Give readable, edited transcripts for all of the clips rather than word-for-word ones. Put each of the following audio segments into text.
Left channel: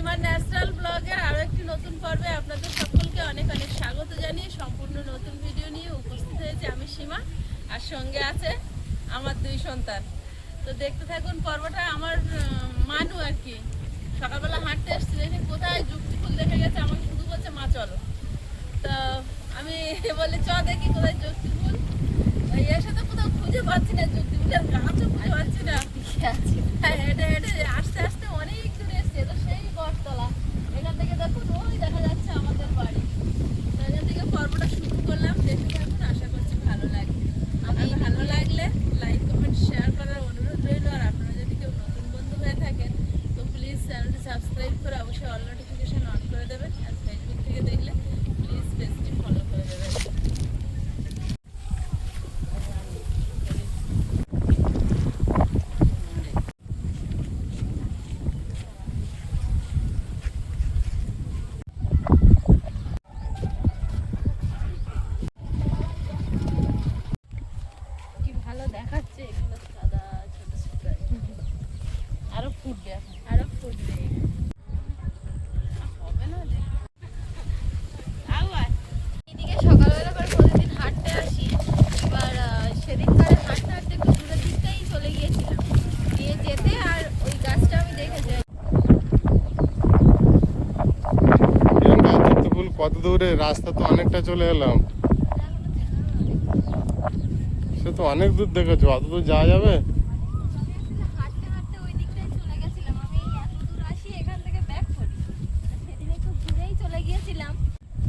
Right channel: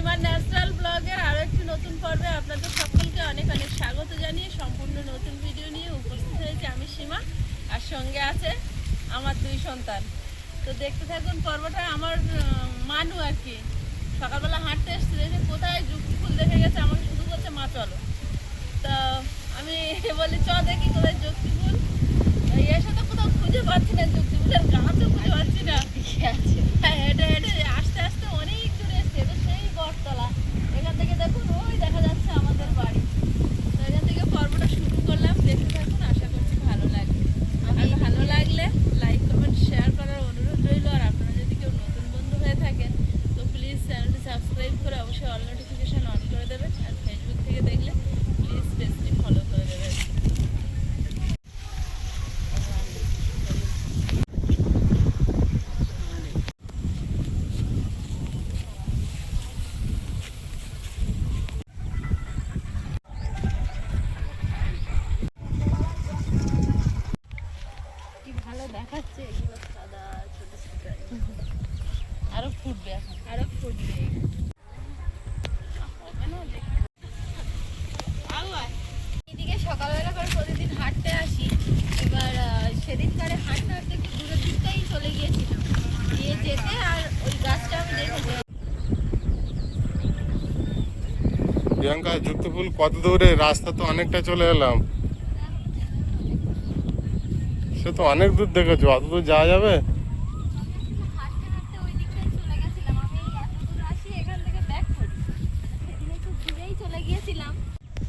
সীমা natural ব্লগের আরো একটি নতুন পর্বে আপনাদের সকলকে অনেক অনেক স্বাগত জানিয়ে সম্পূর্ণ নতুন ভিডিও নিয়ে উপস্থিত হয়েছে আমি সীমা, আর সঙ্গে আছে আমার দুই সন্তান। তো দেখতে থাকুন পর্বটা। আমার মানু আর কি সকালবেলা হাঁটতে এসেছিল, যে কোথায় যুক্তি ফুল দেখে গেছে, আমাকে শুধু করছে মা চলো। তো আমি বলি চ দেখি কোথায় যুক্তি ফুল। এসে তো কোথাও খুঁজে পাচ্ছি না, যুক্তি ফুলের গাছও খুঁজে পাচ্ছি না। হ্যাঁ, হেঁটে হেঁটে আস্তে আস্তে অনেক দূরে এসছে, তো সেই বটতলা। এখান থেকে দেখুন ওই দেখা যাচ্ছে আমাদের বাড়ি। তো এখান থেকে পর্বটা শুরু করলাম, দেখতে থাকুন, আশা করছি ভালো লাগবে। আমি ভালো লাগলে লাইক কমেন্ট শেয়ার করার অনুরোধ রইল। আর আপনারা যদি কেউ নতুন বন্ধু হয়ে থাকেন তো প্লিজ চ্যানেলটি সাবস্ক্রাইব করে অবশ্যই অল নোটিফিকেশন অন করে দেবেন। আর ফেসবুক থেকে দেখলে প্লিজ পেজটি ফলো করে দেবেন। ভালো দেখাচ্ছে এগুলো সাদা ছোট ছোট, আরো ফুটবে, এখন আরো ফুটবে, হবে না দেখতে। এদিকে সকালবেলা করে প্রতিদিন হাঁটতে আসি। এবার সেদিনকারে হাঁটতে হাঁটতে একটু দূরের দিকটাই চলে গিয়েছিলাম, গিয়ে যেতে আর ওই গাছটা আমি দেখেছি। প্রিয়াঙ্কা, যুক্তফুল কত দূরে? রাস্তা তো অনেকটা চলে এলাম। সে তো অনেক দূর দেখেছো, অত দূর যাওয়া যাবে? হাঁটতে হাঁটতে ওই দিকটাই চলে গেছিলাম। আমি এত দূর আসি এখান থেকে ব্যাক করি, সেদিন একটু দূরেই চলে গিয়েছিলাম।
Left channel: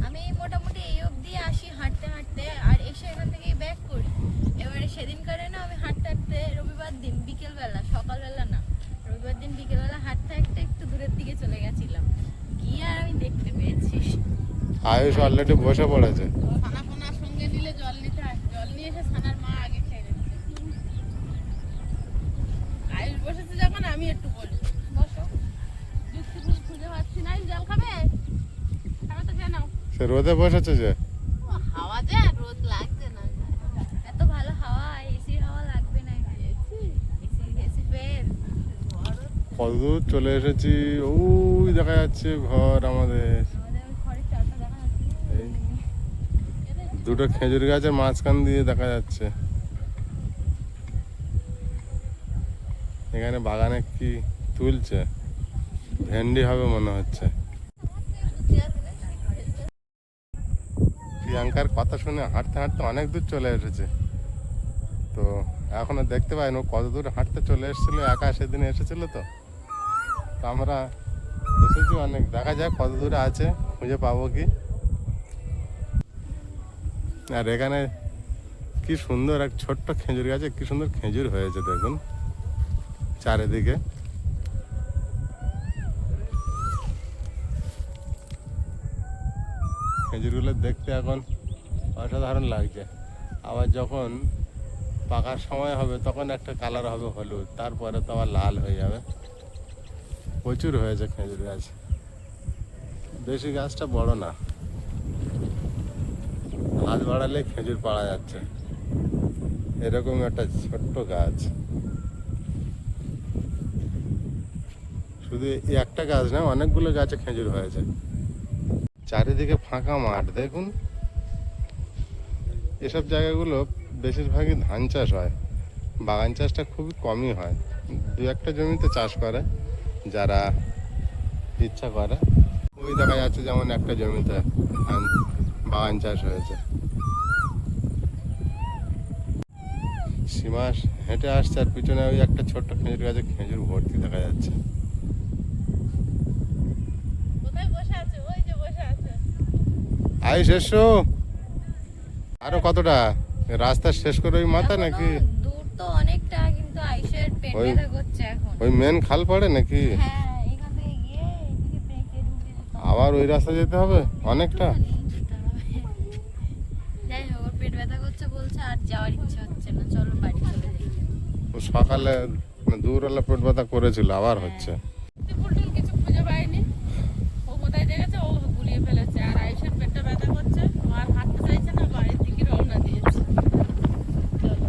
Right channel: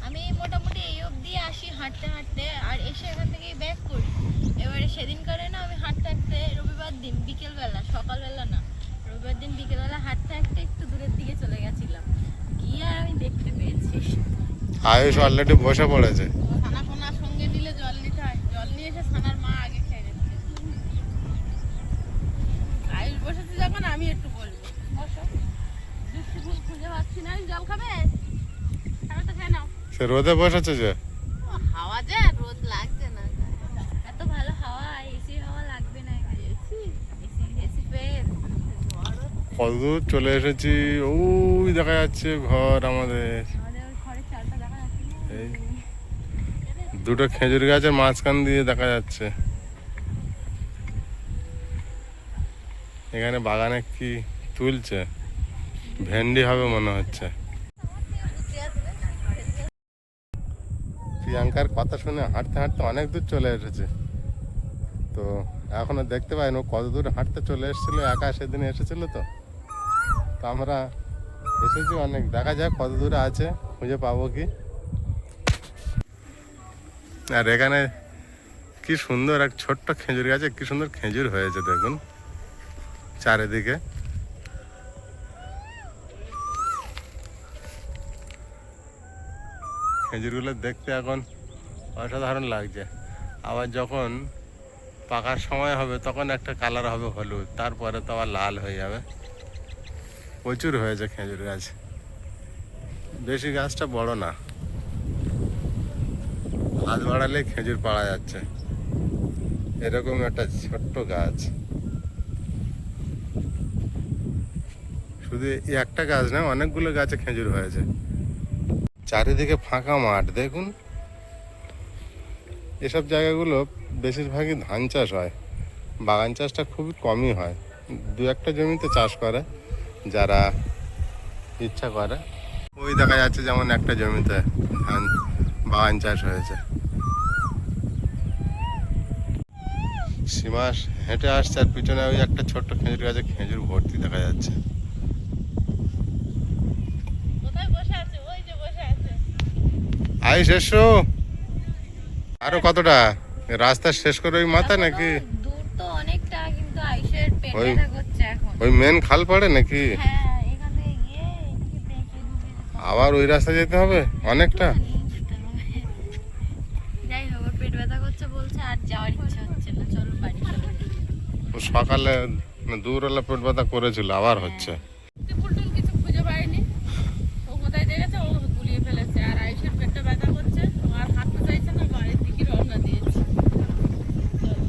আমি মোটামুটি এই অবধি আসি হাঁটতে হাঁটতে, আর এসে এখান থেকেই ব্যাক করি। এবারে সেদিনকারে না আমি হাঁটতে হাঁটতে, রবিবার দিন বিকেলবেলা, সকালবেলা না, রবিবার দিন বিকেলবেলা হাঁটতে হাঁটতে একটু দূরের দিকে চলে গেছিলাম, গিয়ে আর আমি দেখতে পেয়েছি আয়ুষ অলরেডি বসে পড়েছে। ছানা পোনা সঙ্গে নিলে জল নিতে হয়, জল নিয়ে এসে ছানার মা আগে খেয়ে গেছে। আয়ুষ বসেছে যখন আমি একটু বলবো, বসো। যুক্তি ফুল খুঁজে পাচ্ছি না। জল খাবে? খাবে তো খেয়ে নাও। সে রোদে বসেছে যে। হাওয়া যে, রোদ লাগছে না, এত ভালো হাওয়া, এসি হাওয়া লাগবে না। এসি এসি এসি ফের কত দূর চলে এসেছি, ওই দেখা যাচ্ছে ঘর আমাদের। আমাদের ঘরের চালটা দেখা যাচ্ছে। এই দুটো খেজুর গাছের মাঝখান দিয়ে দেখা যাচ্ছে। এখানে বাগানে কি তুলছে, ভেন্ডি হবে মনে হচ্ছে। প্রিয়াঙ্কার কথা শুনে হাঁটতে হাঁটতে অনেক দূর চলে এসেছে। তো এখনো দেখতে পাইনি ও কত দূর হাঁটতে চলে এসেছিল, একা সেদিন এসেছিল। তো আমরা এসেছি অনেক, দেখা যাক কত দূরে আছে, খুঁজে পাবো কি। আর এখানে কি সুন্দর এক ছোট্ট খেজুর গাছে কি সুন্দর খেজুর হয়েছে দেখুন চারিদিকে। খেজুরগুলো দেখতে এখন অসাধারণ লাগছে। আবার যখন পাকার সময় হবে তখন একটা কালার হবে হলুদ, তারপরে তো আবার লাল হয়ে যাবে। প্রচুর হয়েছে খেজুর গাছ, বেশি গাছটা বড় না, হাত বাড়ালে খেজুর পাওয়া যাচ্ছে। এরকম একটা ছোট্ট গাছ, শুধু এই একটা গাছ না, অনেকগুলো গাছে খেজুর হয়েছে। চারিদিকে ফাঁকা মাঠ দেখুন। এসব জায়গাগুলো বেশিরভাগই ধান চাষ হয়, বাগান চাষটা খুবই কমই হয়। দু একটা জমিতে চাষ করে যারা ইচ্ছা করে। ওই দেখা যাচ্ছে যেমন একটা জমিতে ধান বাগান চাষ হয়েছে। সীমা হেঁটে আসছে, আর পিছনে ওই একটা ছোট্ট খেজুর গাছে খেজুর ভর্তি দেখা যাচ্ছে। কোথায় বসে আছে? ওই যে বসে আছে। আইস এসো। আরো কতটা রাস্তা শেষ করে ওই মাথা নাকি? দূর তো অনেকটা, কিন্তু আইসের পেট ব্যথা করছে এখন। ওই মেন খাল পড়ে নাকি? হ্যাঁ, এখান থেকে গিয়ে এদিকে বেঁকে ঢুকে যেতে হবে। আবার ওই রাস্তা যেতে হবে অনেকটা। যাই হোক, ওর পেট ব্যথা করছে বলছে, আর যাওয়ার ইচ্ছা হচ্ছে না, চলো বাড়ি চলো। ও সকালে দূরওয়ালা পেট ব্যথা করেছিল, আবার হচ্ছে। ফুলটুল কিছু খুঁজে পায়নি, ও কোথায় দেখেছে ও গুলিয়ে ফেলেছে। আর আইসের পেটটা ব্যথা করছে, আর হাঁটতে চাইছে না, বাড়ির দিকে রওনা দিয়েছে। চলো।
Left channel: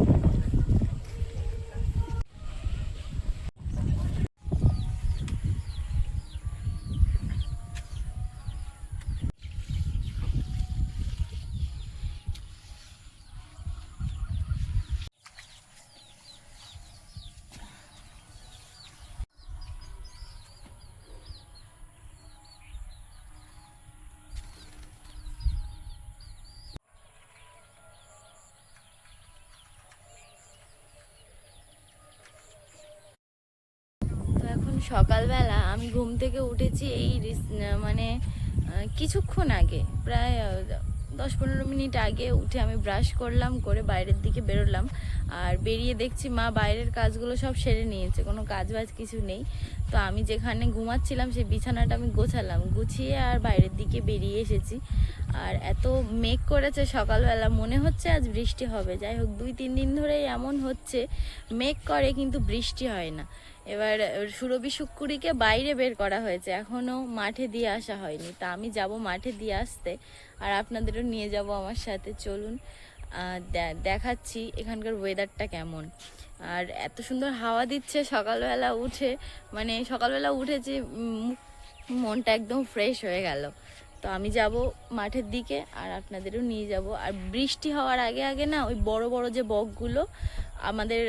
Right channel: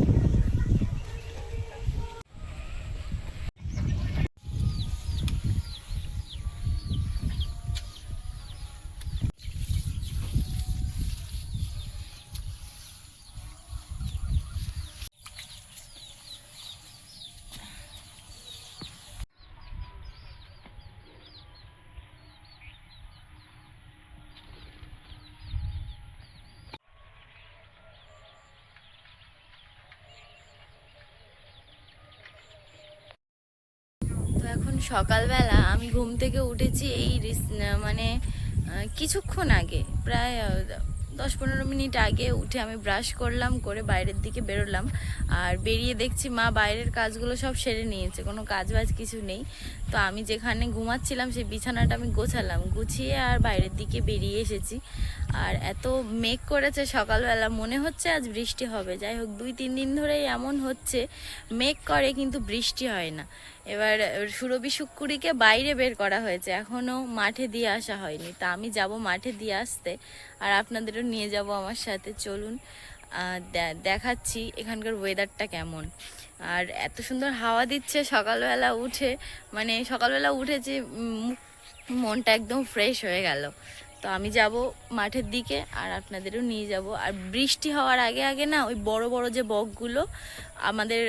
সকালবেলা আমি ঘুম থেকে উঠেছি এই মানে কিছুক্ষণ আগে, প্রায় 10-15 মিনিট আগে উঠে আমি ব্রাশ করলাম, করে বাইরের দিকে বেরোলাম। আর বেরিয়ে দেখছি মা বাইরের কাজগুলো সব সেরে নিয়েছে, কোনো কাজ বাজ কিছু নেই। তো আমি যেখানে ঘুমাচ্ছিলাম সেই বিছানাটা আমি গোছালাম, গুছিয়ে আর বাইরের দিকে বেরিয়ে এসেছি। আর এত মেঘ করেছে সকালবেলা, মনে হচ্ছে আজ বৃষ্টি হবে। যাই হোক, 2-3 দিন ধরেই এমন হচ্ছে, মেঘ করে কিন্তু বৃষ্টি হয় না। এবার সুরভি শুক্কুরিকে বাইরে বের করা হয়েছে, এখনও মাঠে দিয়ে আসা হয়নি। তা আমি যাব মাঠে দিয়ে আসতে, আর আপনাদেরও নিয়ে যাব আমার সাথে। চলুন দেখাচ্ছি এখানকার ওয়েদারটা কেমন। আর এত সুন্দর হাওয়া দিচ্ছে সকালবেলা উঠে, মানে সকালবেলা উঠেছি মনটা একদম ফ্রেশ হয়ে গেল। তো আমি যাব মাঠের দিকে, আর আপনাদেরও নিয়ে যাব। আর বৃষ্টি হওয়ার আগে আগে না, ওই বড় বড় যে বকগুলো আমাদের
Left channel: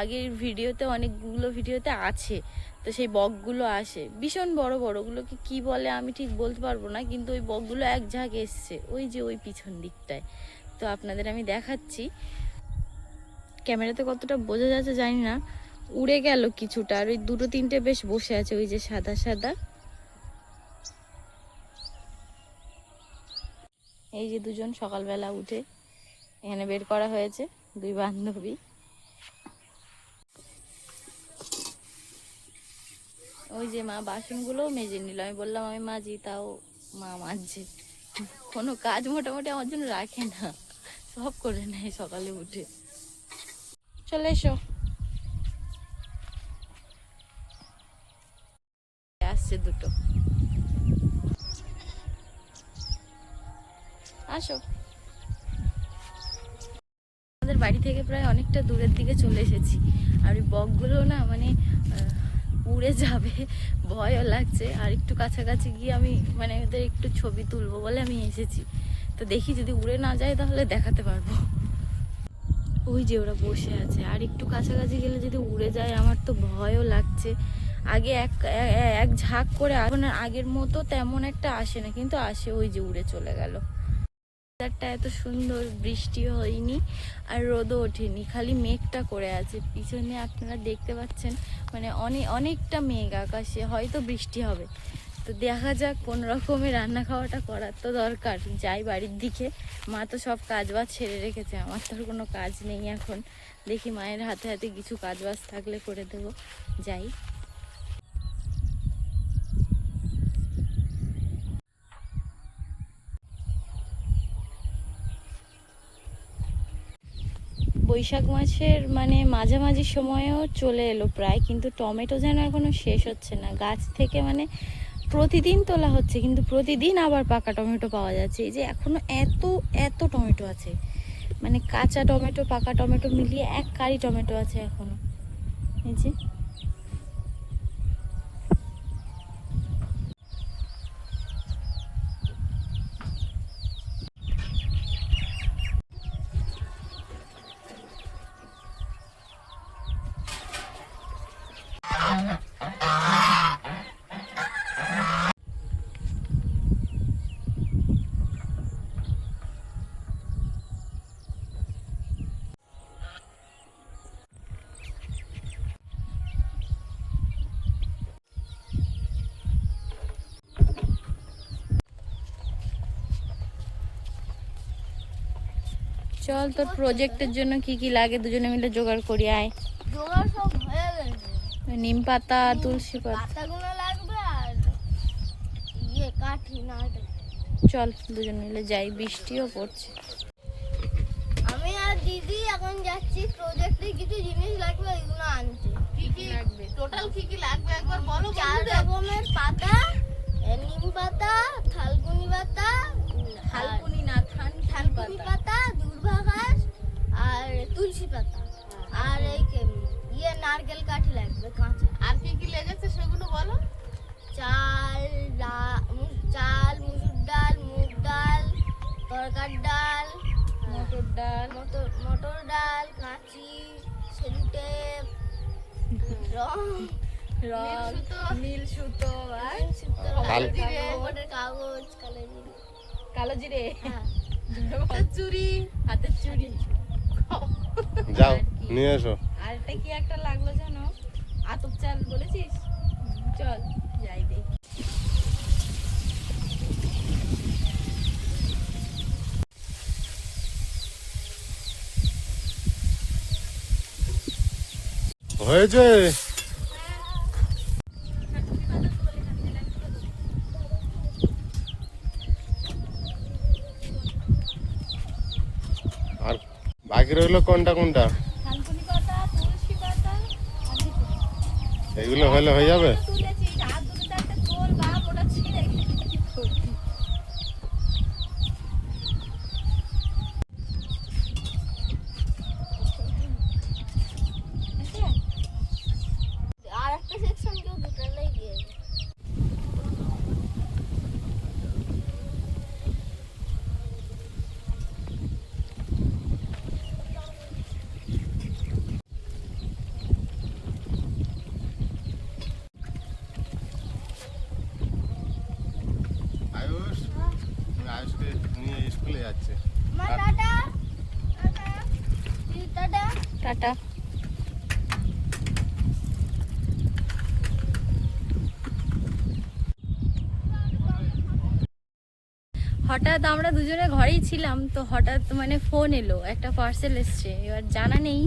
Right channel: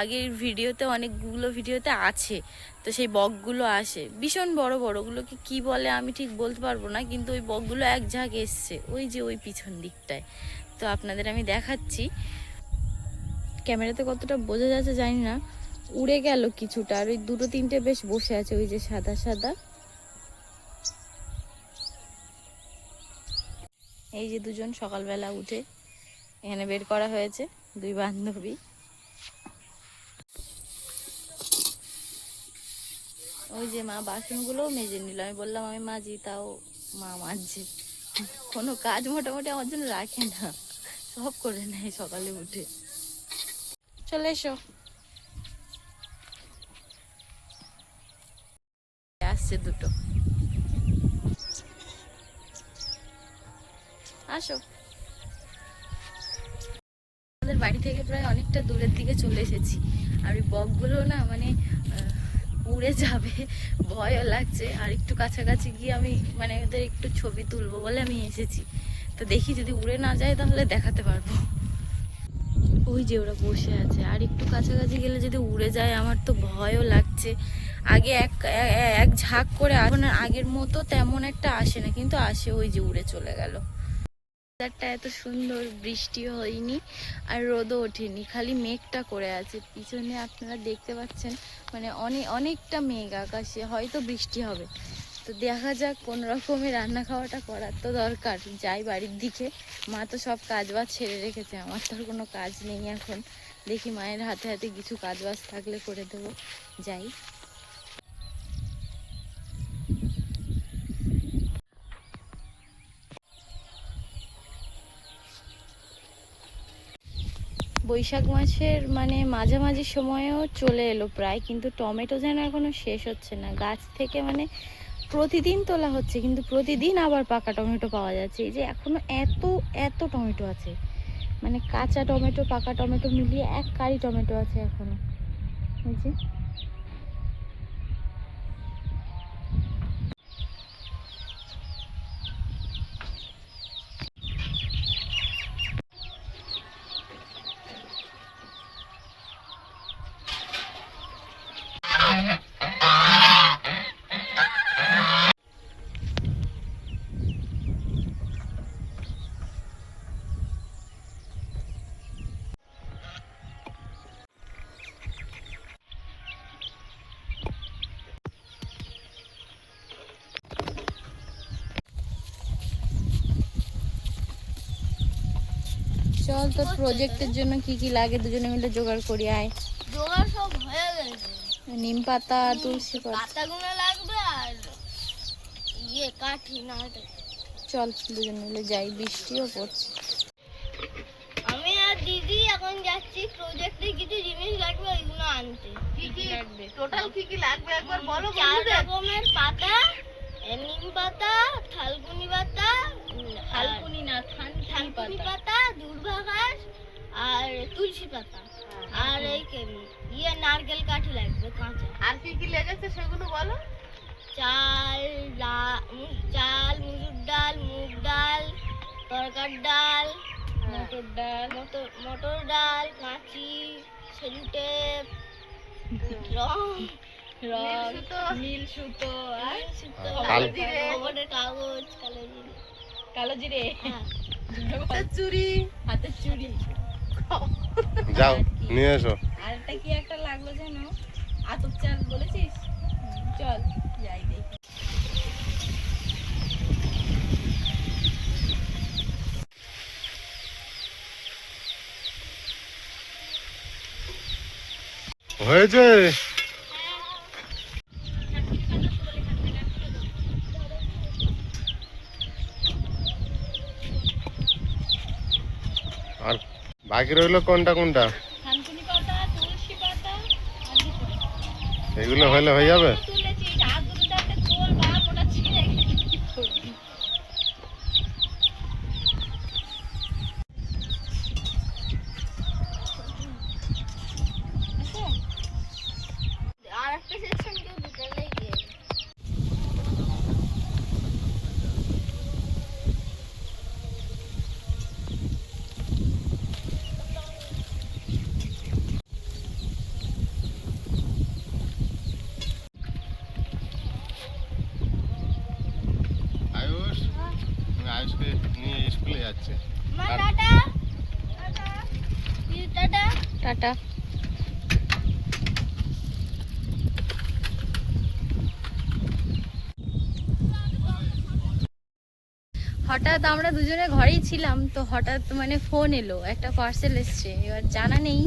আগের ভিডিওতে, অনেকগুলো ভিডিওতে আছে, তো সেই বকগুলো আসে ভীষণ বড় বড়। ওগুলোকে কি বলে আমি ঠিক বলতে পারবো না, কিন্তু ওই বকগুলো এক ঝাঁক এসছে ওই যে ওই পিছন দিকটায়। তো আপনাদের আমি দেখাচ্ছি, ক্যামেরাতে কতটা বোঝা যাচ্ছে জানি না। উড়ে গেল কিছুটা, আর ওই 2-3টে বেশ বসে আছে, ওই যে সাদা সাদা। এই যে দুজন সকালবেলা উঠে এখানে বের করা হয়েছে, 2 বান্ধবী। ওই যে মা বাসনগুলোও মেজে নিল, আমি বললাম আমি মাজি, তাও মা মাজছে। কোনো কাজ মোটামুটি আমার জন্য রাখে না, সব করে নেয় সকালে উঠে। চলে এসো, আসছে দুটো, আসো। আমাদের বাড়ি থেকে প্রায় অনেকটা দূরের দিকে চলে এসেছি। আর ওই বকগুলো না মানে উড়ে যাবে, ভয়ও লাগছে। আর একটু কাছাকাছি গিয়ে আমি মানে ওদের একটু ছবি তুলবো বলে আমি এসেছি। তো দেখি যদি উড়ে না যায় তাহলে দেখাতে পারবো। ওই যে ওরা বসে আছে, আর একটু কাছাকাছি গেলে যদি উড়ে যায় আমার তো ভয়ও লাগছে। আগে এক ঝাঁক করে, এখন আগের মতো তেমন একটা আসে না, কিন্তু আসে, ওই যে উড়ে চলে গেল। ওয়েদারটা এত সুন্দর, বৃষ্টি হয়নি আর রোদও ওঠেনি, খালি মেঘটা করে আছে। পিছনে আপনারা দেখতে পাচ্ছেন মানে অনেকটা মেঘ আকাশে, হয়তো বৃষ্টি হবে। তো দেখা যাক, কোন রকমের রান্না খাওয়াটা করার তো দরকার। যাই বাড়ির দিকে, মা তো সব কাজ বাজ ছেড়ে রেখেছে, আমার তো আর কোনো কাজ নেই এখন। দেখি মায়ের হাতে হাতে কিছু কাজ বাজ থাকলে করে দেবো। যাই। বৈশাখ মাসের মানে মাঝামাঝি সময়েও চলে এলো প্রায়, কিন্তু টমেটো যেন এখনো শেষ হচ্ছে না। গাছ থেকে মানে প্রতিদিন তোলা হচ্ছে, কিন্তু প্রতিদিন আবার পাকা টমেটো পাওয়া যাচ্ছে। এই যে এখনো এত এত টমেটো আছে, মানে কাঁচা টমেটো পাকা টমেটো মিলিয়ে এক কারি টমেটো আছে এখনো। এই যে চল, তোর প্রজেক্টের জন্য কি কি লাগে দুজনে মিলে জোগাড় করি। আয়, জোগাড় সব হয়ে গেছে। নিম পাতা, তুলসী পাতা, পাতাগুলো লাগবে আর কাঠি নাড়তে। চল দুজন মিলে যাই, বৃষ্টিও পড়ছে। আমি আর দিদি এখন যাচ্ছি প্রজেক্টে কিছু জিনিস লাগবে ওইগুলো আনতে। কি কি লাগবে, টোটাল কি কি লাগবে একবার বলো। 4 রকমের পাতা, নিম পাতা, থালকুনি পাতা, হালকুনি না, থানকুনি পাতা, দূর্বা ঘাস আর তুলসী পাতা, আর এই নারকেল কাঠি লাগবে কাঁচা। আর কি কি লেগেছে সেগুলো বলো। চাল, মুসুর ডাল, মুগ ডাল, তরকার ডাল, মটর ডাল, মটর ডাল, কাঁচি, সেলুটেপ, রং, নীল সুতো, আর খবরের কাগজ, কালো জিরে, হ্যাঁ, চুড়ি, হাতের চুড়ি। যাও নিয়ে এসো। আর একটা কি একটা লাগলো যেন, আতপ চাল বলেছিস, চল যাই দেখি। হয়েছে। আর বাকি রইলো কোনটা কোনটা? থানকুনি পাতা, তুলসী পাতা আর ভিতরে এগুলো হলে হয়ে যাবে। তুলেছি, হাত দুটো একটা তোল বা ওটা ছিঁড়ে কি করবি? আর একটা সেকশন কেউ দুটালেই দিয়ে দেবে। আয়ুষ, আমি আয়ুষকে নিয়ে স্কুলে যাচ্ছে। মা টাটা। টাটা। টাটা। হঠাৎ আমরা দুজনে ঘরেই ছিলাম, তো হঠাৎ মানে ফোন এলো, একটা পার্সেল এসছে। এবার জানা নেই,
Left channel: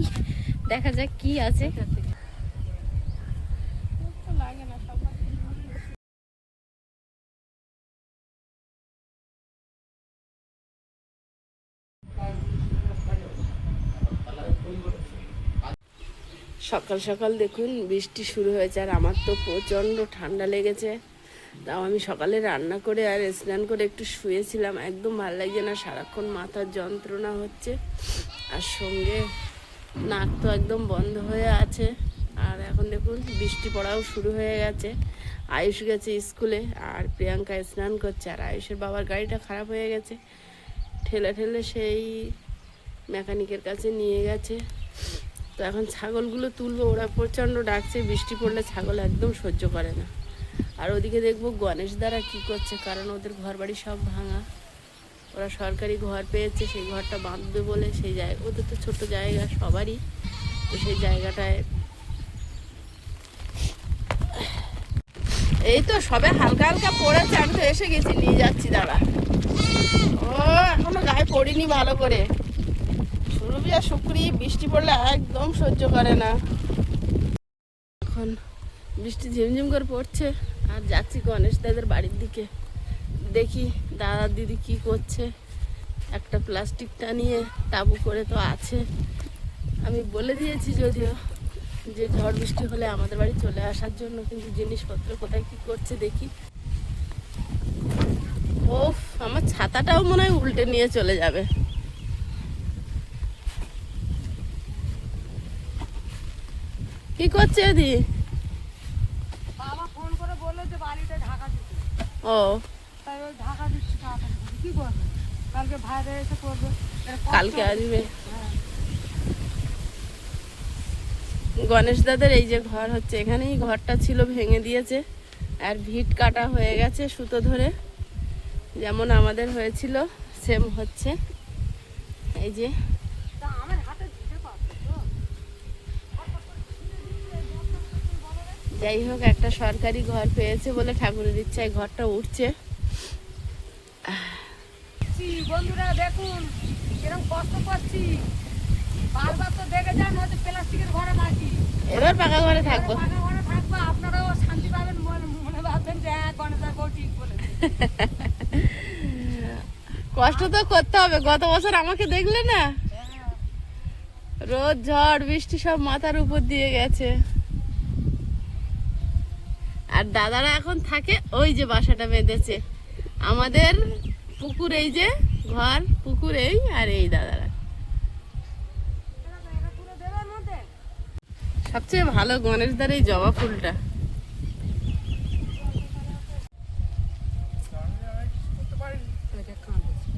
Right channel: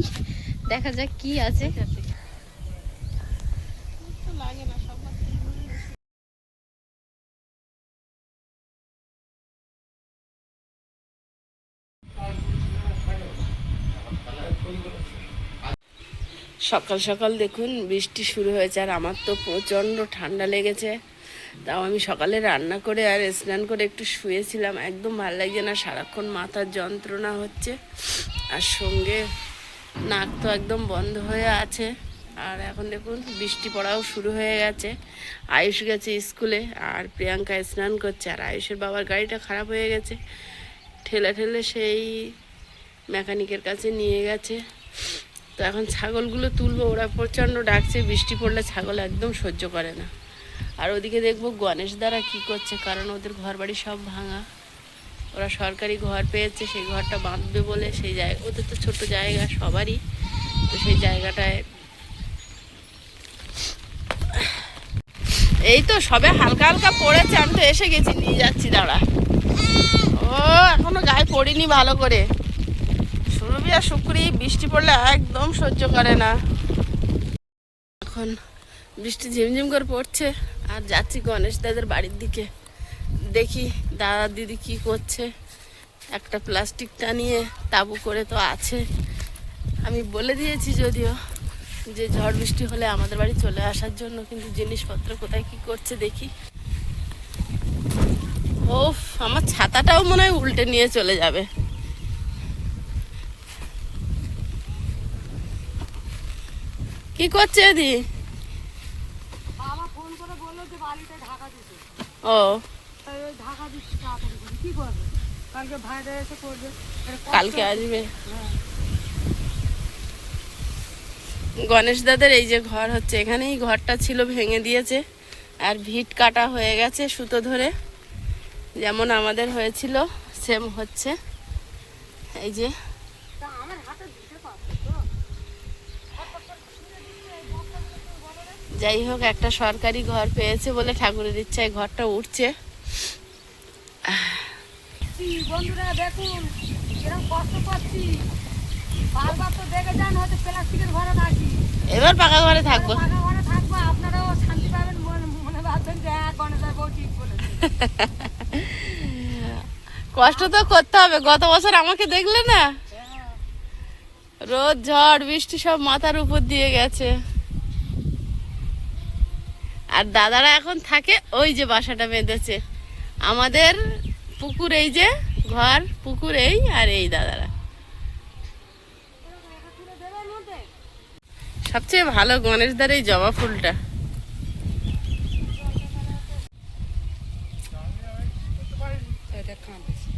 দেখা যাক কি আছে। লাগে না সব সকাল সকাল দেখুন বৃষ্টি শুরু হয়েছে, আর আমার তো প্রচণ্ড ঠান্ডা লেগেছে। তাও আমি সকালে রান্না করে আর স্নান করে একটু শুয়েছিলাম, একদম ভালো লাগছে না, সারাক্ষণ মাথার যন্ত্রণা হচ্ছে, আর সঙ্গে নাক তো একদম বন্ধ হয়ে আছে। আর এখন দেখুন বৃষ্টি পড়াও শুরু হয়ে গেছে। আয়ুষ গেছে স্কুলে, আর প্রিয়াঙ্কা স্নান করছে, আর আয়ুষের বাবার গাড়িটা খারাপ হয়ে গেছে, ঠেলে ঠেলে সেই মেকানিকের কাছে নিয়ে গেছে। তো এখন ছাগলগুলো তুলবো, ওরা প্রচণ্ড ডাকছে, বৃষ্টি পড়লে ছাগল একদম সহ্য করে না। আর ওদিকে দেখবো গণেশ দ্বারা কি করছে, কারণ ওদের ঘর বাড়ি সব ভাঙা, ওরা সরকারি ঘর পেয়েছে, সেই ঘরটা বাঁধবে বলে সেই জায়গা, ওদের তো ছোট জায়গা সবারই, তো সেই জায়গাটায় এই তো সবে হালকা হালকা পড়েছে, আমি তো এসে গেছি, নিয়ে যাচ্ছি, দাঁড়া। ও এখনো গায়ে পড়িনি ভালো করে, সুরভি আর শুক্রি বৃষ্টি পড়লে একদম সহ্য করে না। এখন বৃষ্টি ঝিমঝিম করে পড়ছে, আর যাচ্ছি গণেশ দাদের বাড়ির দিকে, দেখি দাদা দিদি কি করছে। একটা প্লাস্টিক টানিয়ে তাবু করে তো আছে, আমি বলে দিয়েছি যদিও যে ঝড় বৃষ্টি হলে আমাদের বাড়ি চলে আসার জন্য, কিন্তু জিনিসপত্র কোথায় কি করছে দেখি। ও আমার ছাতাটাও মনে হয় উল্টে নিয়ে চলে যাবে। কি করছে এদি? বাবা ফোন করে বললো যে বাড়িতে ঢাকা দিতে, ও তাই ওই ঢাকা দিচ্ছি, তাড়াতাড়ি করে। কি করবে? কালকে ভাইরা এসে করবে। এটা কষ্ট। কালকে আসবে। হ্যাঁ। গণেশ দাদের এই যে ঘর হচ্ছে, এখানেই ঘরটা ছিল, ভেঙে দিয়েছে, আর ভিট কাটা হয়ে গেছে সুতো ধরে, যেমন আমাদের হয়েছিল সেম হচ্ছে। এই যে যাই হোক, একটা সরকারি ঘর পেয়েছে বলে ঠাকুরের ইচ্ছায় ঘরটা উঠছে। বন্ধুরা দেখুন এরকম কষ্ট করছি, বারবার তো দেখে যান, হয়তো প্লাস্টিকের ঘরে থাকি, এবার পাকা ঘরে থাকবো। পাকা ঘরে থাকবো, আপনারাও শান্তি পাবেন, মনে ভাববেন যে হ্যাঁ গণেশের বউ ঠিক বলেছে। কষ্ট তো করতে হবে, গত বছর আমাকে দেখলে না, রোদ ঝড় বৃষ্টি সব মাথার উপর দিয়ে গেছে। আর দাদারা এখন থাকে ওই যে বাসাটা বেঁধেছে, আমাদের পুকুর, এই যে ঘর পুকুর, এই আর এই দাদারা। সবচেয়ে ভালো গণেশ দার এই জবা ফুলটা। এটা কাঁদেছে।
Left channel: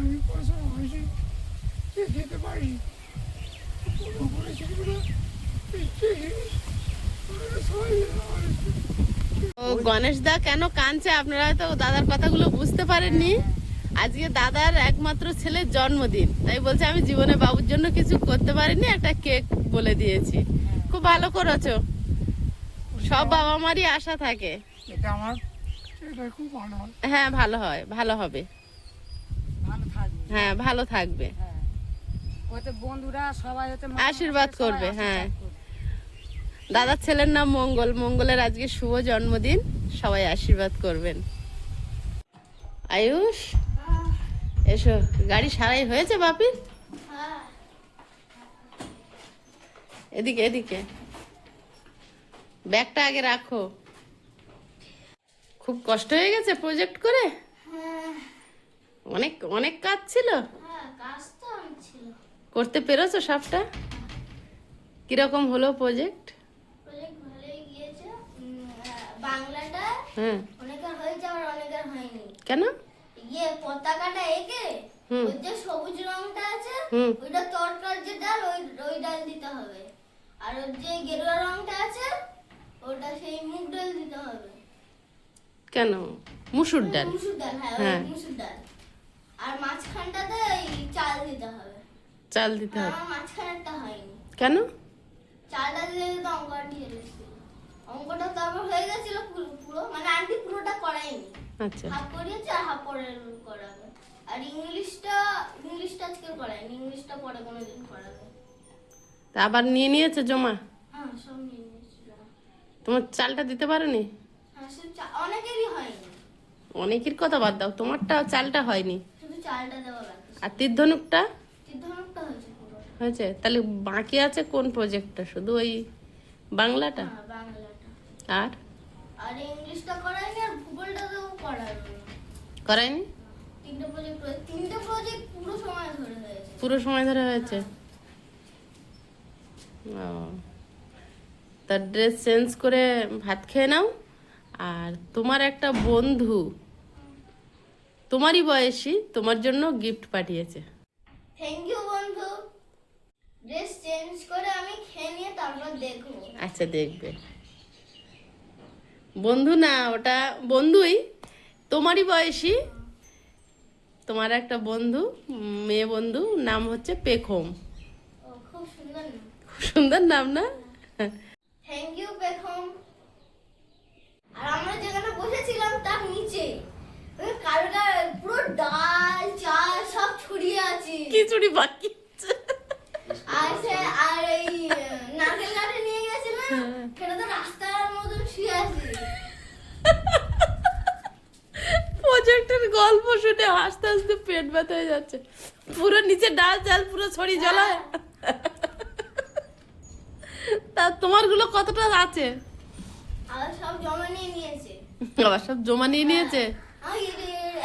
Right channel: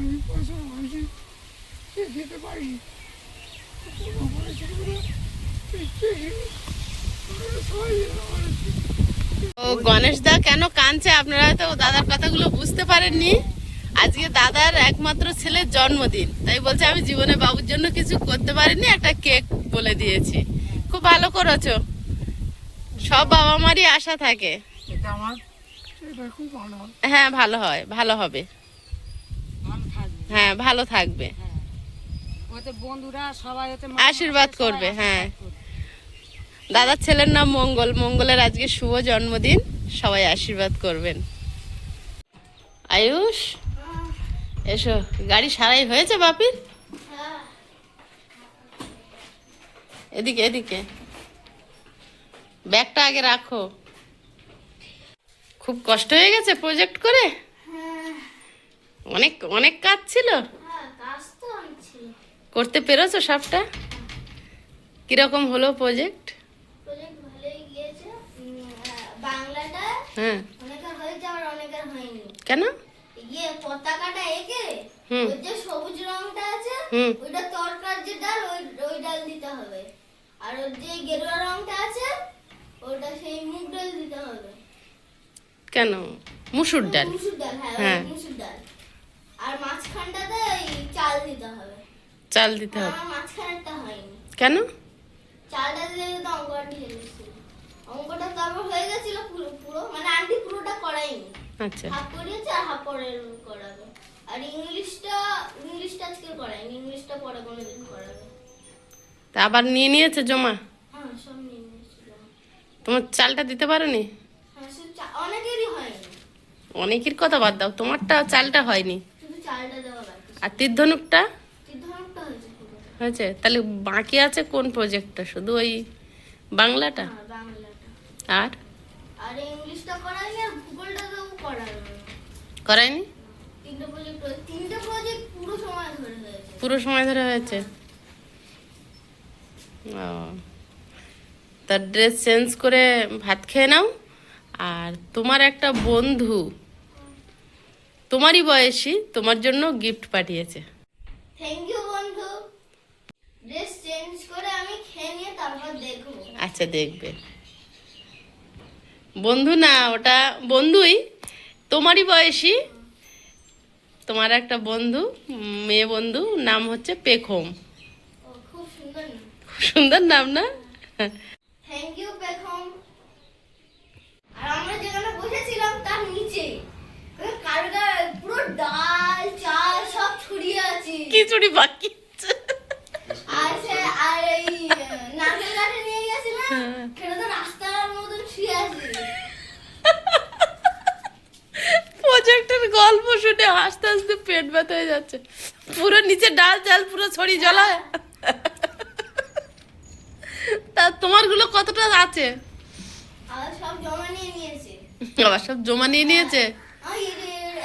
আমি পয়সা হয়েছি যেতে পারি। ও গণেশ দা কেন কাঁদছে আপনারা তো দাদার কথাগুলো বুঝতে পারেননি। আজকে দাদার একমাত্র ছেলের জন্মদিন, তাই বলছে আমি জীবনে বাবুর জন্য কিছু করতে পারিনি, একটা কেক বলে দিয়েছি। খুব ভালো করেছো, সব বাবা মারই আশা থাকে। এটা আমার এটা খুব ভালো হয়, হ্যাঁ ভালো হয়, ভালো হবে, ভালো থাকবে। হ্যাঁ ভালো থাকবে, হ্যাঁ, ওতে বন্ধুরা সবাই ওতে আশীর্বাদ সবাই করবে, আশীর্বাদ হ্যাঁ। করবে। দাদার ছেলের নাম মঙ্গল, মঙ্গলের আজকে শুভ জন্মদিন, সবাই আশীর্বাদ করবেন। আয়ুষ এসো, গাড়ি সারাই হয়েছে বাপির? হ্যাঁ, এদিকে এদিকে, ব্যাগটা আগে রাখো। খুব কষ্ট হয়ে গেছে প্রজেক্ট করে, অনেক অনেক কাজ ছিল, হ্যাঁ, কাজ তো অনেক ছিল। করতে পেরেছো সবটা? কিরকম হলো প্রজেক্ট? প্রজেক্ট ভালোই গিয়েছে। বাংলাটা হ্যাঁ, অনেকের হয়েছে, আমার অনেকের হয়নি। কেন? পতাকাটা এঁকে হুম। ওই যে সবুজ রংটা আছে হুম। ওইটা তরকার যে ডাল, ওই ডাল দিতে হবে। আর ওর যে গেরুয়া রংটা আছে ওটা সেই মুগ ডাল দিতে হবে। কেন? মুসুর ডাল? মুসুর ডাল, হ্যাঁ, হ্যাঁ। ওই মুসুর ডাল। আর মাঝখানটাতে এই চাল দিতে হবে। চাল দিতে হবে? আমার মাঝখানেরটা হয়নি। কেন? চালটা দিলে তো অঙ্কটা ঠিক গেছিল। অঙ্কটা তারপর হয়ে গেছিল পুরো পুরো, মানে আন্টি পুরোটা করায়নি, আচ্ছা, হাফ করিয়েছে আর হাফ পরে করাবে। আর ইংলিশটা আজকে করায়নি, ইংলিশটা পরে কোনোদিন করাবে। তা আবার নিয়ে নিয়েছে জমা? হ্যাঁ, সব নিয়ে নিয়েছিল। তোমার চালটা দিতে পারোনি? হ্যাঁ, অনেকেরই হয়নি, অনেকের কথা বাদ দাও, তোমারটা চালটা হয়নি। শুধু চালটা দেওয়া বাকি। আর তীর্ধনুকটা সিদ্ধান্তটা হয়েছে পুরো। হয়েছে? তাহলে বাকি আছে কোন প্রজেক্টটা? শুধু ওই বাংলাটা হ্যাঁ, বাংলাটা। আর আর ইংলিশটা করায়নি, আর ভূগোলটা তো করাবে না। করায়নি? তিনটে প্রজেক্ট পুরো সময় ধরে হয়েছে। পুরো সময় ধরে হয়েছে? ও, তার ড্রেস চেঞ্জ করে ভাত খেয়ে নাও। আর তোমার একটা বন্ধু তোমারই বয়সী তোমার জন্য গিফট পাঠিয়েছে। থ্যাংক ইউ বন্ধু। ড্রেস চেঞ্জ করে আমি খেয়ে নিয়ে তারপর দেখবো। আচ্ছা দেখবে। বন্ধু না, ওটা বন্ধুই, তোমারই বয়সী, তোমার একটা বন্ধু, মেয়ে বন্ধু, নাম হচ্ছে পেখম। ও, খুব সুন্দর না? খুব সুন্দর নাম না? থ্যাংক ইউ পেখম। আর আমরা যেখানে বসেছিলাম তার নিচে কালকার পুরো ডাল চাল সব ছড়িয়ে আছে। খিচুড়ি বাকি আছে। আর এই নারকেল কাঠে নিয়ে গেছিলাম, সেটা তো রাস্তার মতন শুয়ে আছে। প্রজেক্টের গল্প শুনে হাসতে হাসতে পেট ব্যথা হয়ে যাচ্ছে। পুরো নিচে ডাল চাল পুরো ছড়ি জ্বলা। তা তোমার গুলো কতটা আছে? আবার সব জমা নিয়ে নিয়েছে। আবার সব জমা নিয়ে নিয়েছে?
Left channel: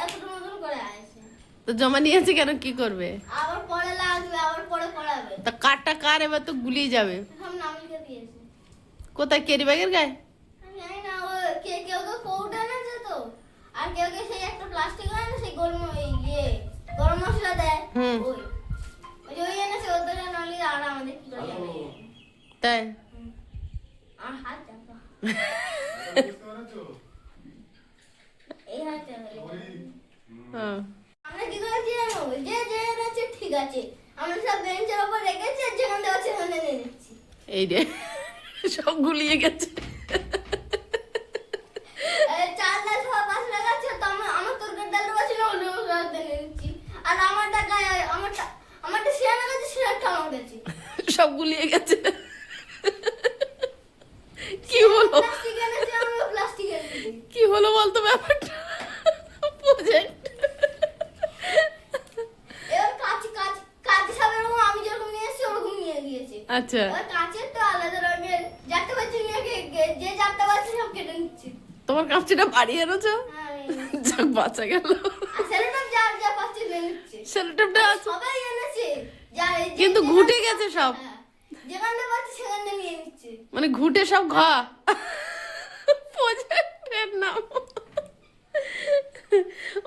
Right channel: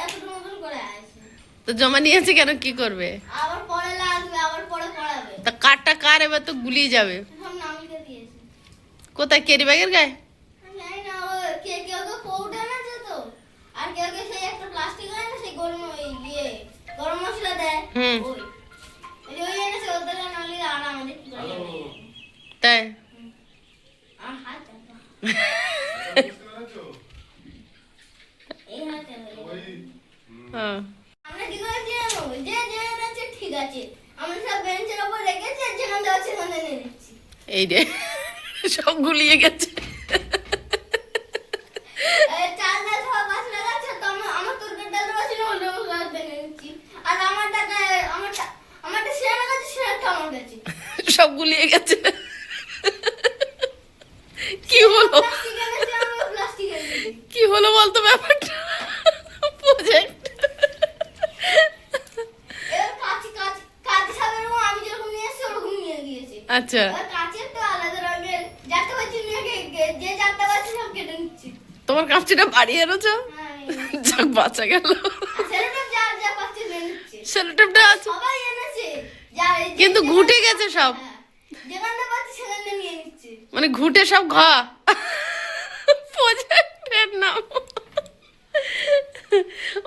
এতটা মতন করে আছে। তো জমা নিয়েছে কেন, কি করবে? আবার পরে লাগবে, আবার পরে করাবে। তা কারটা কার, এবার তো গুলিয়ে যাবে। সব নাম লিখে দিয়েছে। কোথায়, কেরি ব্যাগের গায়ে? আমি জানি না, ও কেউ কৌটা এনেছে তো, আর কেউ সেই একটা প্লাস্টিক হয় না, সেই গরম মশলা দেয়, হুম। ওই এনেছে। ওদের নাম লিখে আর আমাদের কি করে জানে? তাই? আমার হাত চাপা। এই হাত চাপা। হ্যাঁ। আমরা কি করেছি জানো? যে এনেছে ঠিক আছে, আমরা সব বেঞ্চের উপর রেখেছি, আর যেখানে দেওয়া সেখানে নিয়ে নিচ্ছি। এই রে, সব গুলিয়ে গেছে। চাল ডাল সব বাস লাগাচ্ছে, তো আমার তরকারি ডালটা বাসি না, অন্য মশলা নিয়ে নিচ্ছি। আর আমারটা শিরানা কাছে, শিরাটা আমার কাছে। সব গুলিয়ে গেছে। কি হলো, প্লাস্টিক এনেছে, আমরা প্লাস্টিক এনেছি। কি হলো বলতো ব্যাপারটা? প্রজেক্ট এবার কাঁচি সব এরকম আমি যেরকম নিয়ে এসেছি ওরকম নিয়ে গিয়েছে। আচ্ছা, এবার কাঁচের তো আলাদা রঙের, যারটা পাচ্ছি নিয়ে যে যারটা পাচ্ছি সব কেটে নিচ্ছি। তোমার কাপচিটা বাড়িয়ে এনেছো? হ্যাঁ, যাক, বাঁচা গেল। আর সেলোটেপ যা পাচ্ছি নিয়ে নিচ্ছে। সেলোটেপটা আছে সবাই এনেছে, কিন্তু ঘুটে গেছে সব। হ্যাঁ, যেখানে পাচ্ছি সেখানে নিয়ে নিচ্ছে। মানে ঘুটে সব প্রজেক্টের নাম।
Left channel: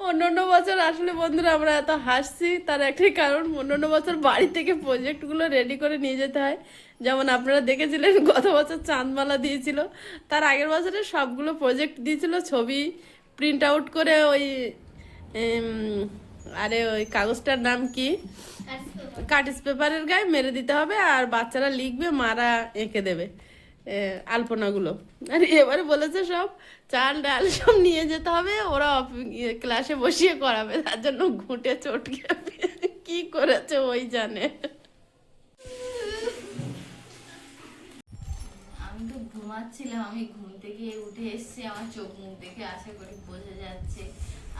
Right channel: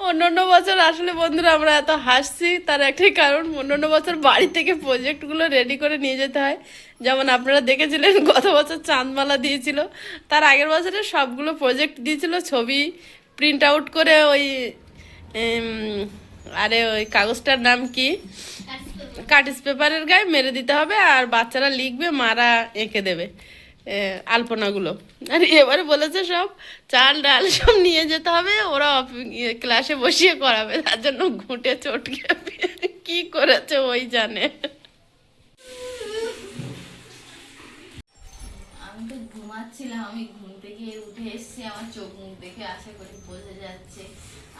অন্যান্য বছর আসলে বন্ধুরা আমরা এত হাসছি, তার একটাই কারণ, অন্যান্য বছর বাড়ি থেকে প্রজেক্টগুলো রেডি করে নিয়ে যেতে হয়। যেমন আপনারা দেখেছিলেন গত বছর চাঁদমালা দিয়েছিল, তার আগের বছরে সবগুলো প্রজেক্ট দিয়েছিল, ছবি প্রিন্ট আউট করে ওই আরে ওই কাগজটার নাম কি? কাটিস পেপারের গায়ে মেরে দিতে হবে, আর বাচ্চারা লিখবে, মারা এঁকে দেবে আলপনাগুলো। আর এবারে বলেছে সব চাল ডাল সব নিয়ে যেতে হবে, ওরা ক্লাসে বসিয়ে করাবে, তার জন্য ঘুঁটে চটকে কি করেছে ওই জানে। আমি তো ঘুমাচ্ছিলাম, আমি ঘুম থেকে উঠে এসেছি, আমার চোখ মুখ দেখে আশা করি বোঝা যাচ্ছে।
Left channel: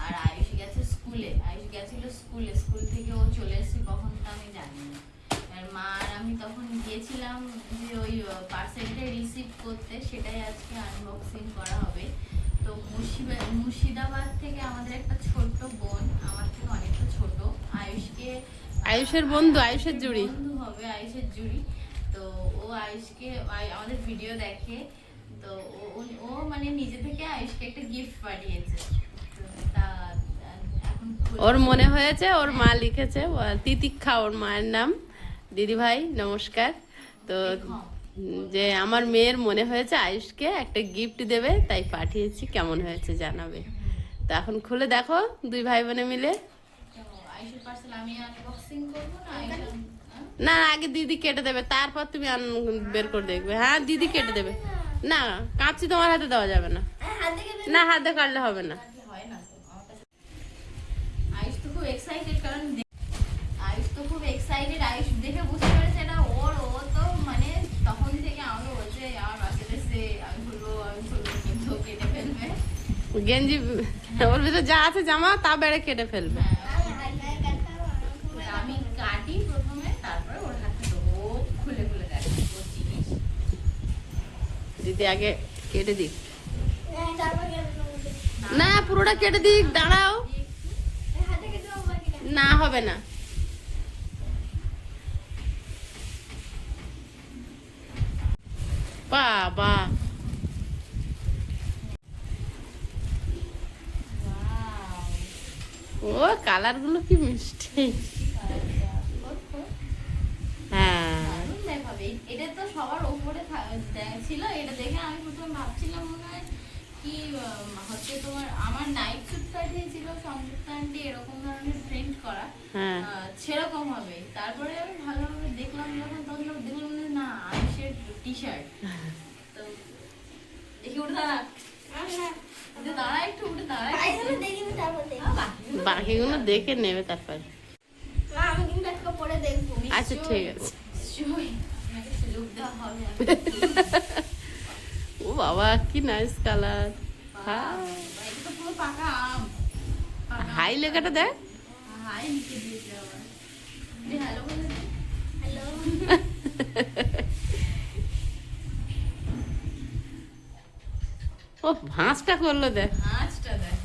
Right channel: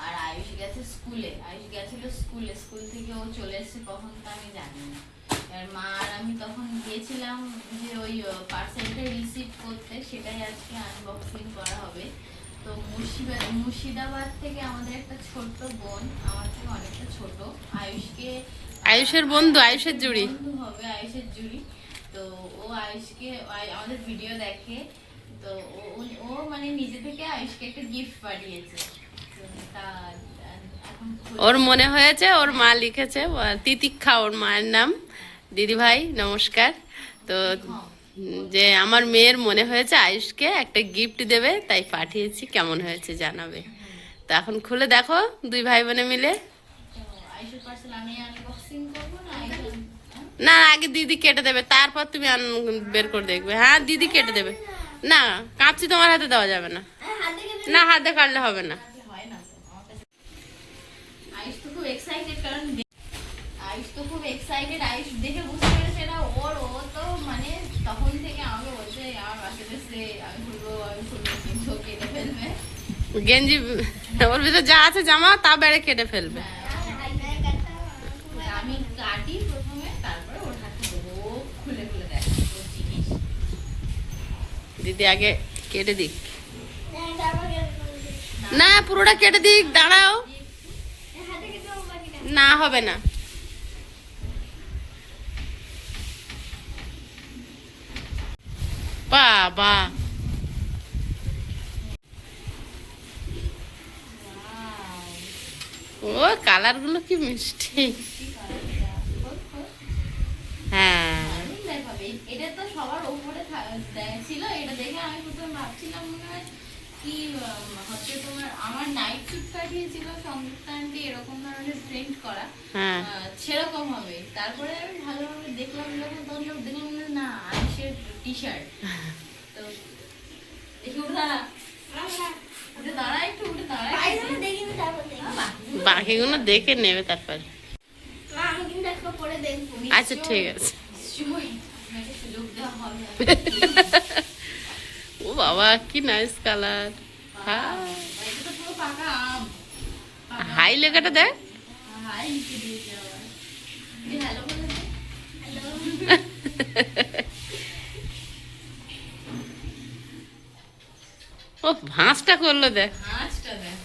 আর আয়ুষ গেছে স্কুলে, আয়ুষ গেছিল স্কুলে, স্কুল থেকে ও চলে এসেছে কখন তা আমি জানি না। আর মা আর আমি তখন গিয়েছিলাম যে ওই পার্সেলটা রিসিভ করতে, সেটাই আজকে আনবক্সিং করা হবে। তো মুর্শিদাবাদ থেকে আমাদের একটা ছোট্ট বোন, আমার থেকে অনেকটা ছোট, আয়ুষের বন্ধু, আয়ুষের জুড়ি বন্ধু হবে, আয়ুষের জুড়ি। তো ও আয়ুষকে আমাদের ভিডিও দেখে, তো ও মানে নিজে থেকে আয়ুষকে একটা গিফট পাঠিয়েছে। তো তা এখন ওর মনে হয়েছে ওর মা লিখেছে, তিতিক্ষা ওর মায়ের নাম। দিদি ভাই নমস্কার। তো যে আমার মেয়ের মনে হয়েছে আয়ুষকে একটা গিফট দেবে, তাই পাঠিয়েছি, কেমন হয়েছে জানাবে। তো এখন খুলে দেখো দুই ভাই বোনে মিলে। আয়ুষের পার্সেল আমি আনবক্সিং করবো না? না, আগে দিদি কেটে দেবে, তারপর তুমি বের করে দেখবে। হ্যাঁ, দিদি কেটে দেবে। না, কাঁচি তোমার হাতে দেওয়া যাবে না। না, হাতে কাটলে হবে না। হয় না তো আমার কাছে। আয়ুষ তো খুব এক্সাইটেড, কারণ আয়ুষ তো খুব এক্সাইটেড, আয়ুষ দেখে বুঝতে পেরেছে এটা ওর। ও তো মানে তখন থেকে আমাকে বলছে আমার বাসে এসে আমি খুলবো, কিন্তু ও কেটে ফেলবে। গেঞ্জি ওর ভিতরে যা আছে জামা তা বেড়ে কেটে ফেলবে। আমি কাটি প্রথমে, তারপরে ওর হাতে দেবো, ও খুলে খুলে দেখে ওর জিনিস। দিদি আগে কেটে দিক। না, পুরোটা কেটে দিক, দাঁড়াও। না, হবে না। বাবা, ও কালার গুলো কি মিষ্টি। হ্যাঁ, দারুণ দেখাবে। এটা তো সবার উপরে ছিল, এটা দেখে আমি প্রথমে ভাবছিলাম মনে হয় কি হচ্ছে তোমার, আমার নাইট স্যুট পাঠিয়েছিল সংযুক্তা আন্টি এরকম ধরনের প্রিন্ট করা, হ্যাঁ। সেরকম হবে। তারপরে আমি ভালোভাবে দেখলাম যখন, তখন দেখলাম না আয়ুষের টি শার্ট। তো দেখি উঠে দাঁড়া, উঠে দাঁড়া, একটু উঠে দাঁড়া। বাকিগুলো দেখে নেবে তারপর। আমি কিন্তু একটা পরে দেখবো। আচ্ছা, ঠিক আছে। নিশ্চয়ই আমাকে সুযোগ দেওয়া হবে। ও বাবা, কি নাইস কালার। এটা তো পুরো পাকা আম। হাই লেখাটা দেখ। হাই লিখে দিয়েছে আবার। হ্যালো বলে দে। ও ভাঁজটা করলো দেখ। আচ্ছা দেখ,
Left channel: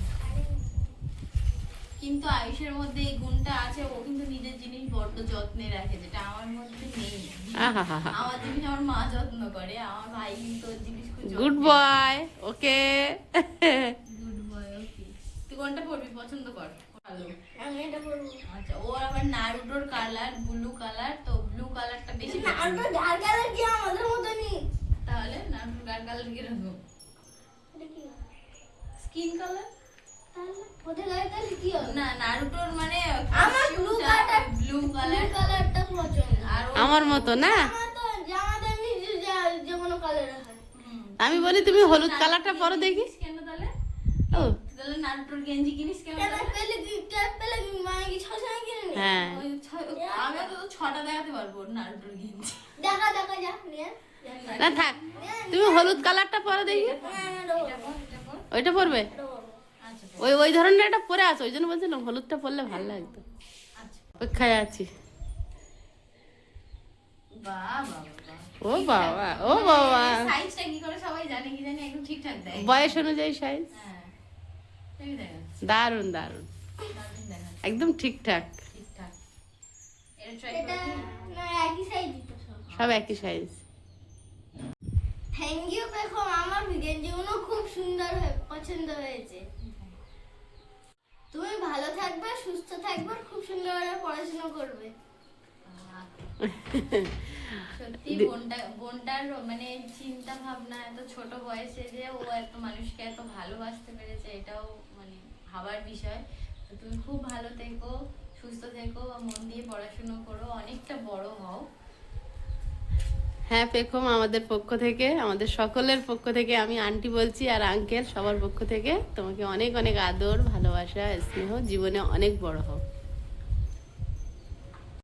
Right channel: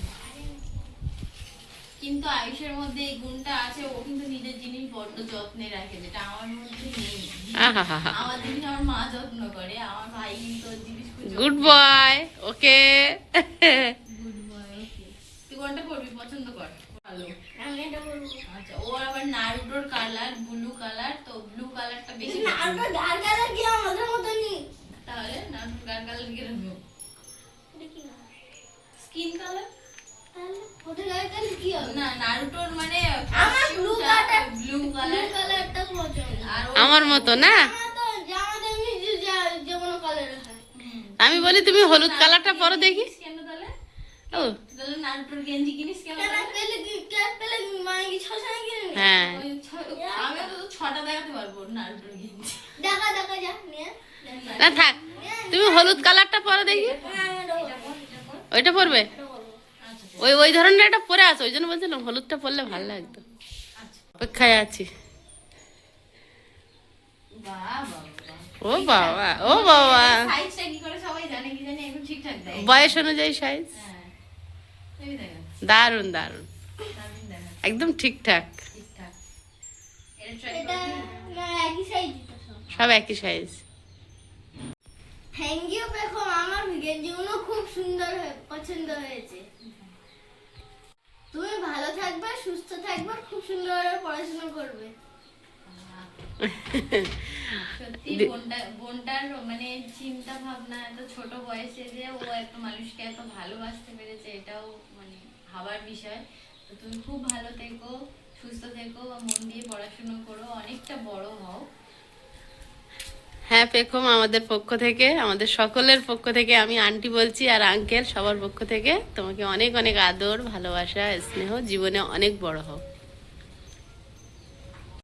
কিন্তু আয়ুষের মধ্যে এই গুণটা আছে, ও কিন্তু নিজের জিনিস বড্ড যত্নে রাখে, যেটা আমার মধ্যে নেই। আহাহাহা। আমার জিনিস আমার মা যত্ন করে, আমার ভাই কিন্তু ওর জিনিস খুব গুড বয়, ওকে। Good boy. ওকে, তুই কোনটা পড়বি পছন্দ কর? ভালো। আমি এটা বলবো। আচ্ছা, ওর আবার নারুটোর কালার ব্লু কালার, তো ব্লু কালারটা বেশি না, পছন্দ। আমরা ডাল কালার কি আমাদের মতনই? তাহলে নারুটোর কালার কি রাখবো? এটা কি? Skin colour? তাহলে কোথায় কালার কি হবে? না, নারুটোর মানে আমার blue colour, blue blue colour. কালারটা পছন্দ। আর আমার মতো না? আমার তো জামাতে এমনি যে কোনো কালার হয়। আমি বলি তুমি হলুদ কালারটা পরো দেখি। কেন তাহলে? ও তাহলে নারুটোর গেঞ্জি কিনিস কেন কেন তাহলে? পেলে কি ক্যাপ পেলে মানে কি ছশো কিনে নে? হ্যাঁ, আমি তো 6টা দেখাতে পারবো নারুটোর গেঞ্জি। দেখা দেখা যা নিয়ে। না থাক, তুমি হলুদ কালারটা পরো দেখি। ওইটা পরবে? ওই ওই ধরনের একটা পরে আছে, ওই জন্য বলছিলাম হলুদটা পরলে ভালো লাগতো। অপেক্ষায় আছি। বাহ বাহ বাহ। ও বাবা, ও বাবা, সাইজটা কি করে সবাই জানে কি জানি একদম ঠিকঠাক দেয়। বয়স অনুযায়ী সাইজ। হ্যাঁ, তুমি দেখা, দারুন দারুন, দারুণ দেখা, একদম ঠিকঠাক, ঠিকঠাক। এটা ট্রাই এটা না একই সাইজ দিতে সব। সব একই সাইজ। থ্যাংক ইউ দেখো, আমার গেঞ্জিগুলো খুব সুন্দর পছন্দ হয়েছে। তুমি ভালো থাকবে, সুস্থ থাকবে, খুব সুন্দরভাবে পড়াশোনা করবে। সত্যি বোনটার মানে চিন্তা ভাবনা, এত ছোট বয়সে যে ও একটা মানুষকে এত ভালোবাসতে পেরেছে, এটাও মানে ভাবার বিষয়। তো তুমি খুব ভালো থেকো, সুস্থ থেকো, বা মন দিয়ে পড়াশুনো করো, অনেকটা বড় হও। হ্যাঁ পেখম, আমাদের পক্ষ থেকে, আমাদের সকলের পক্ষ থেকে আমি আন্টি বলছি, আর আঙ্কেল সবার পক্ষ থেকে তোমাকে অনেক অনেক আদর, ভালোবাসা, স্নেহ, জীবনে অনেক বড় হও।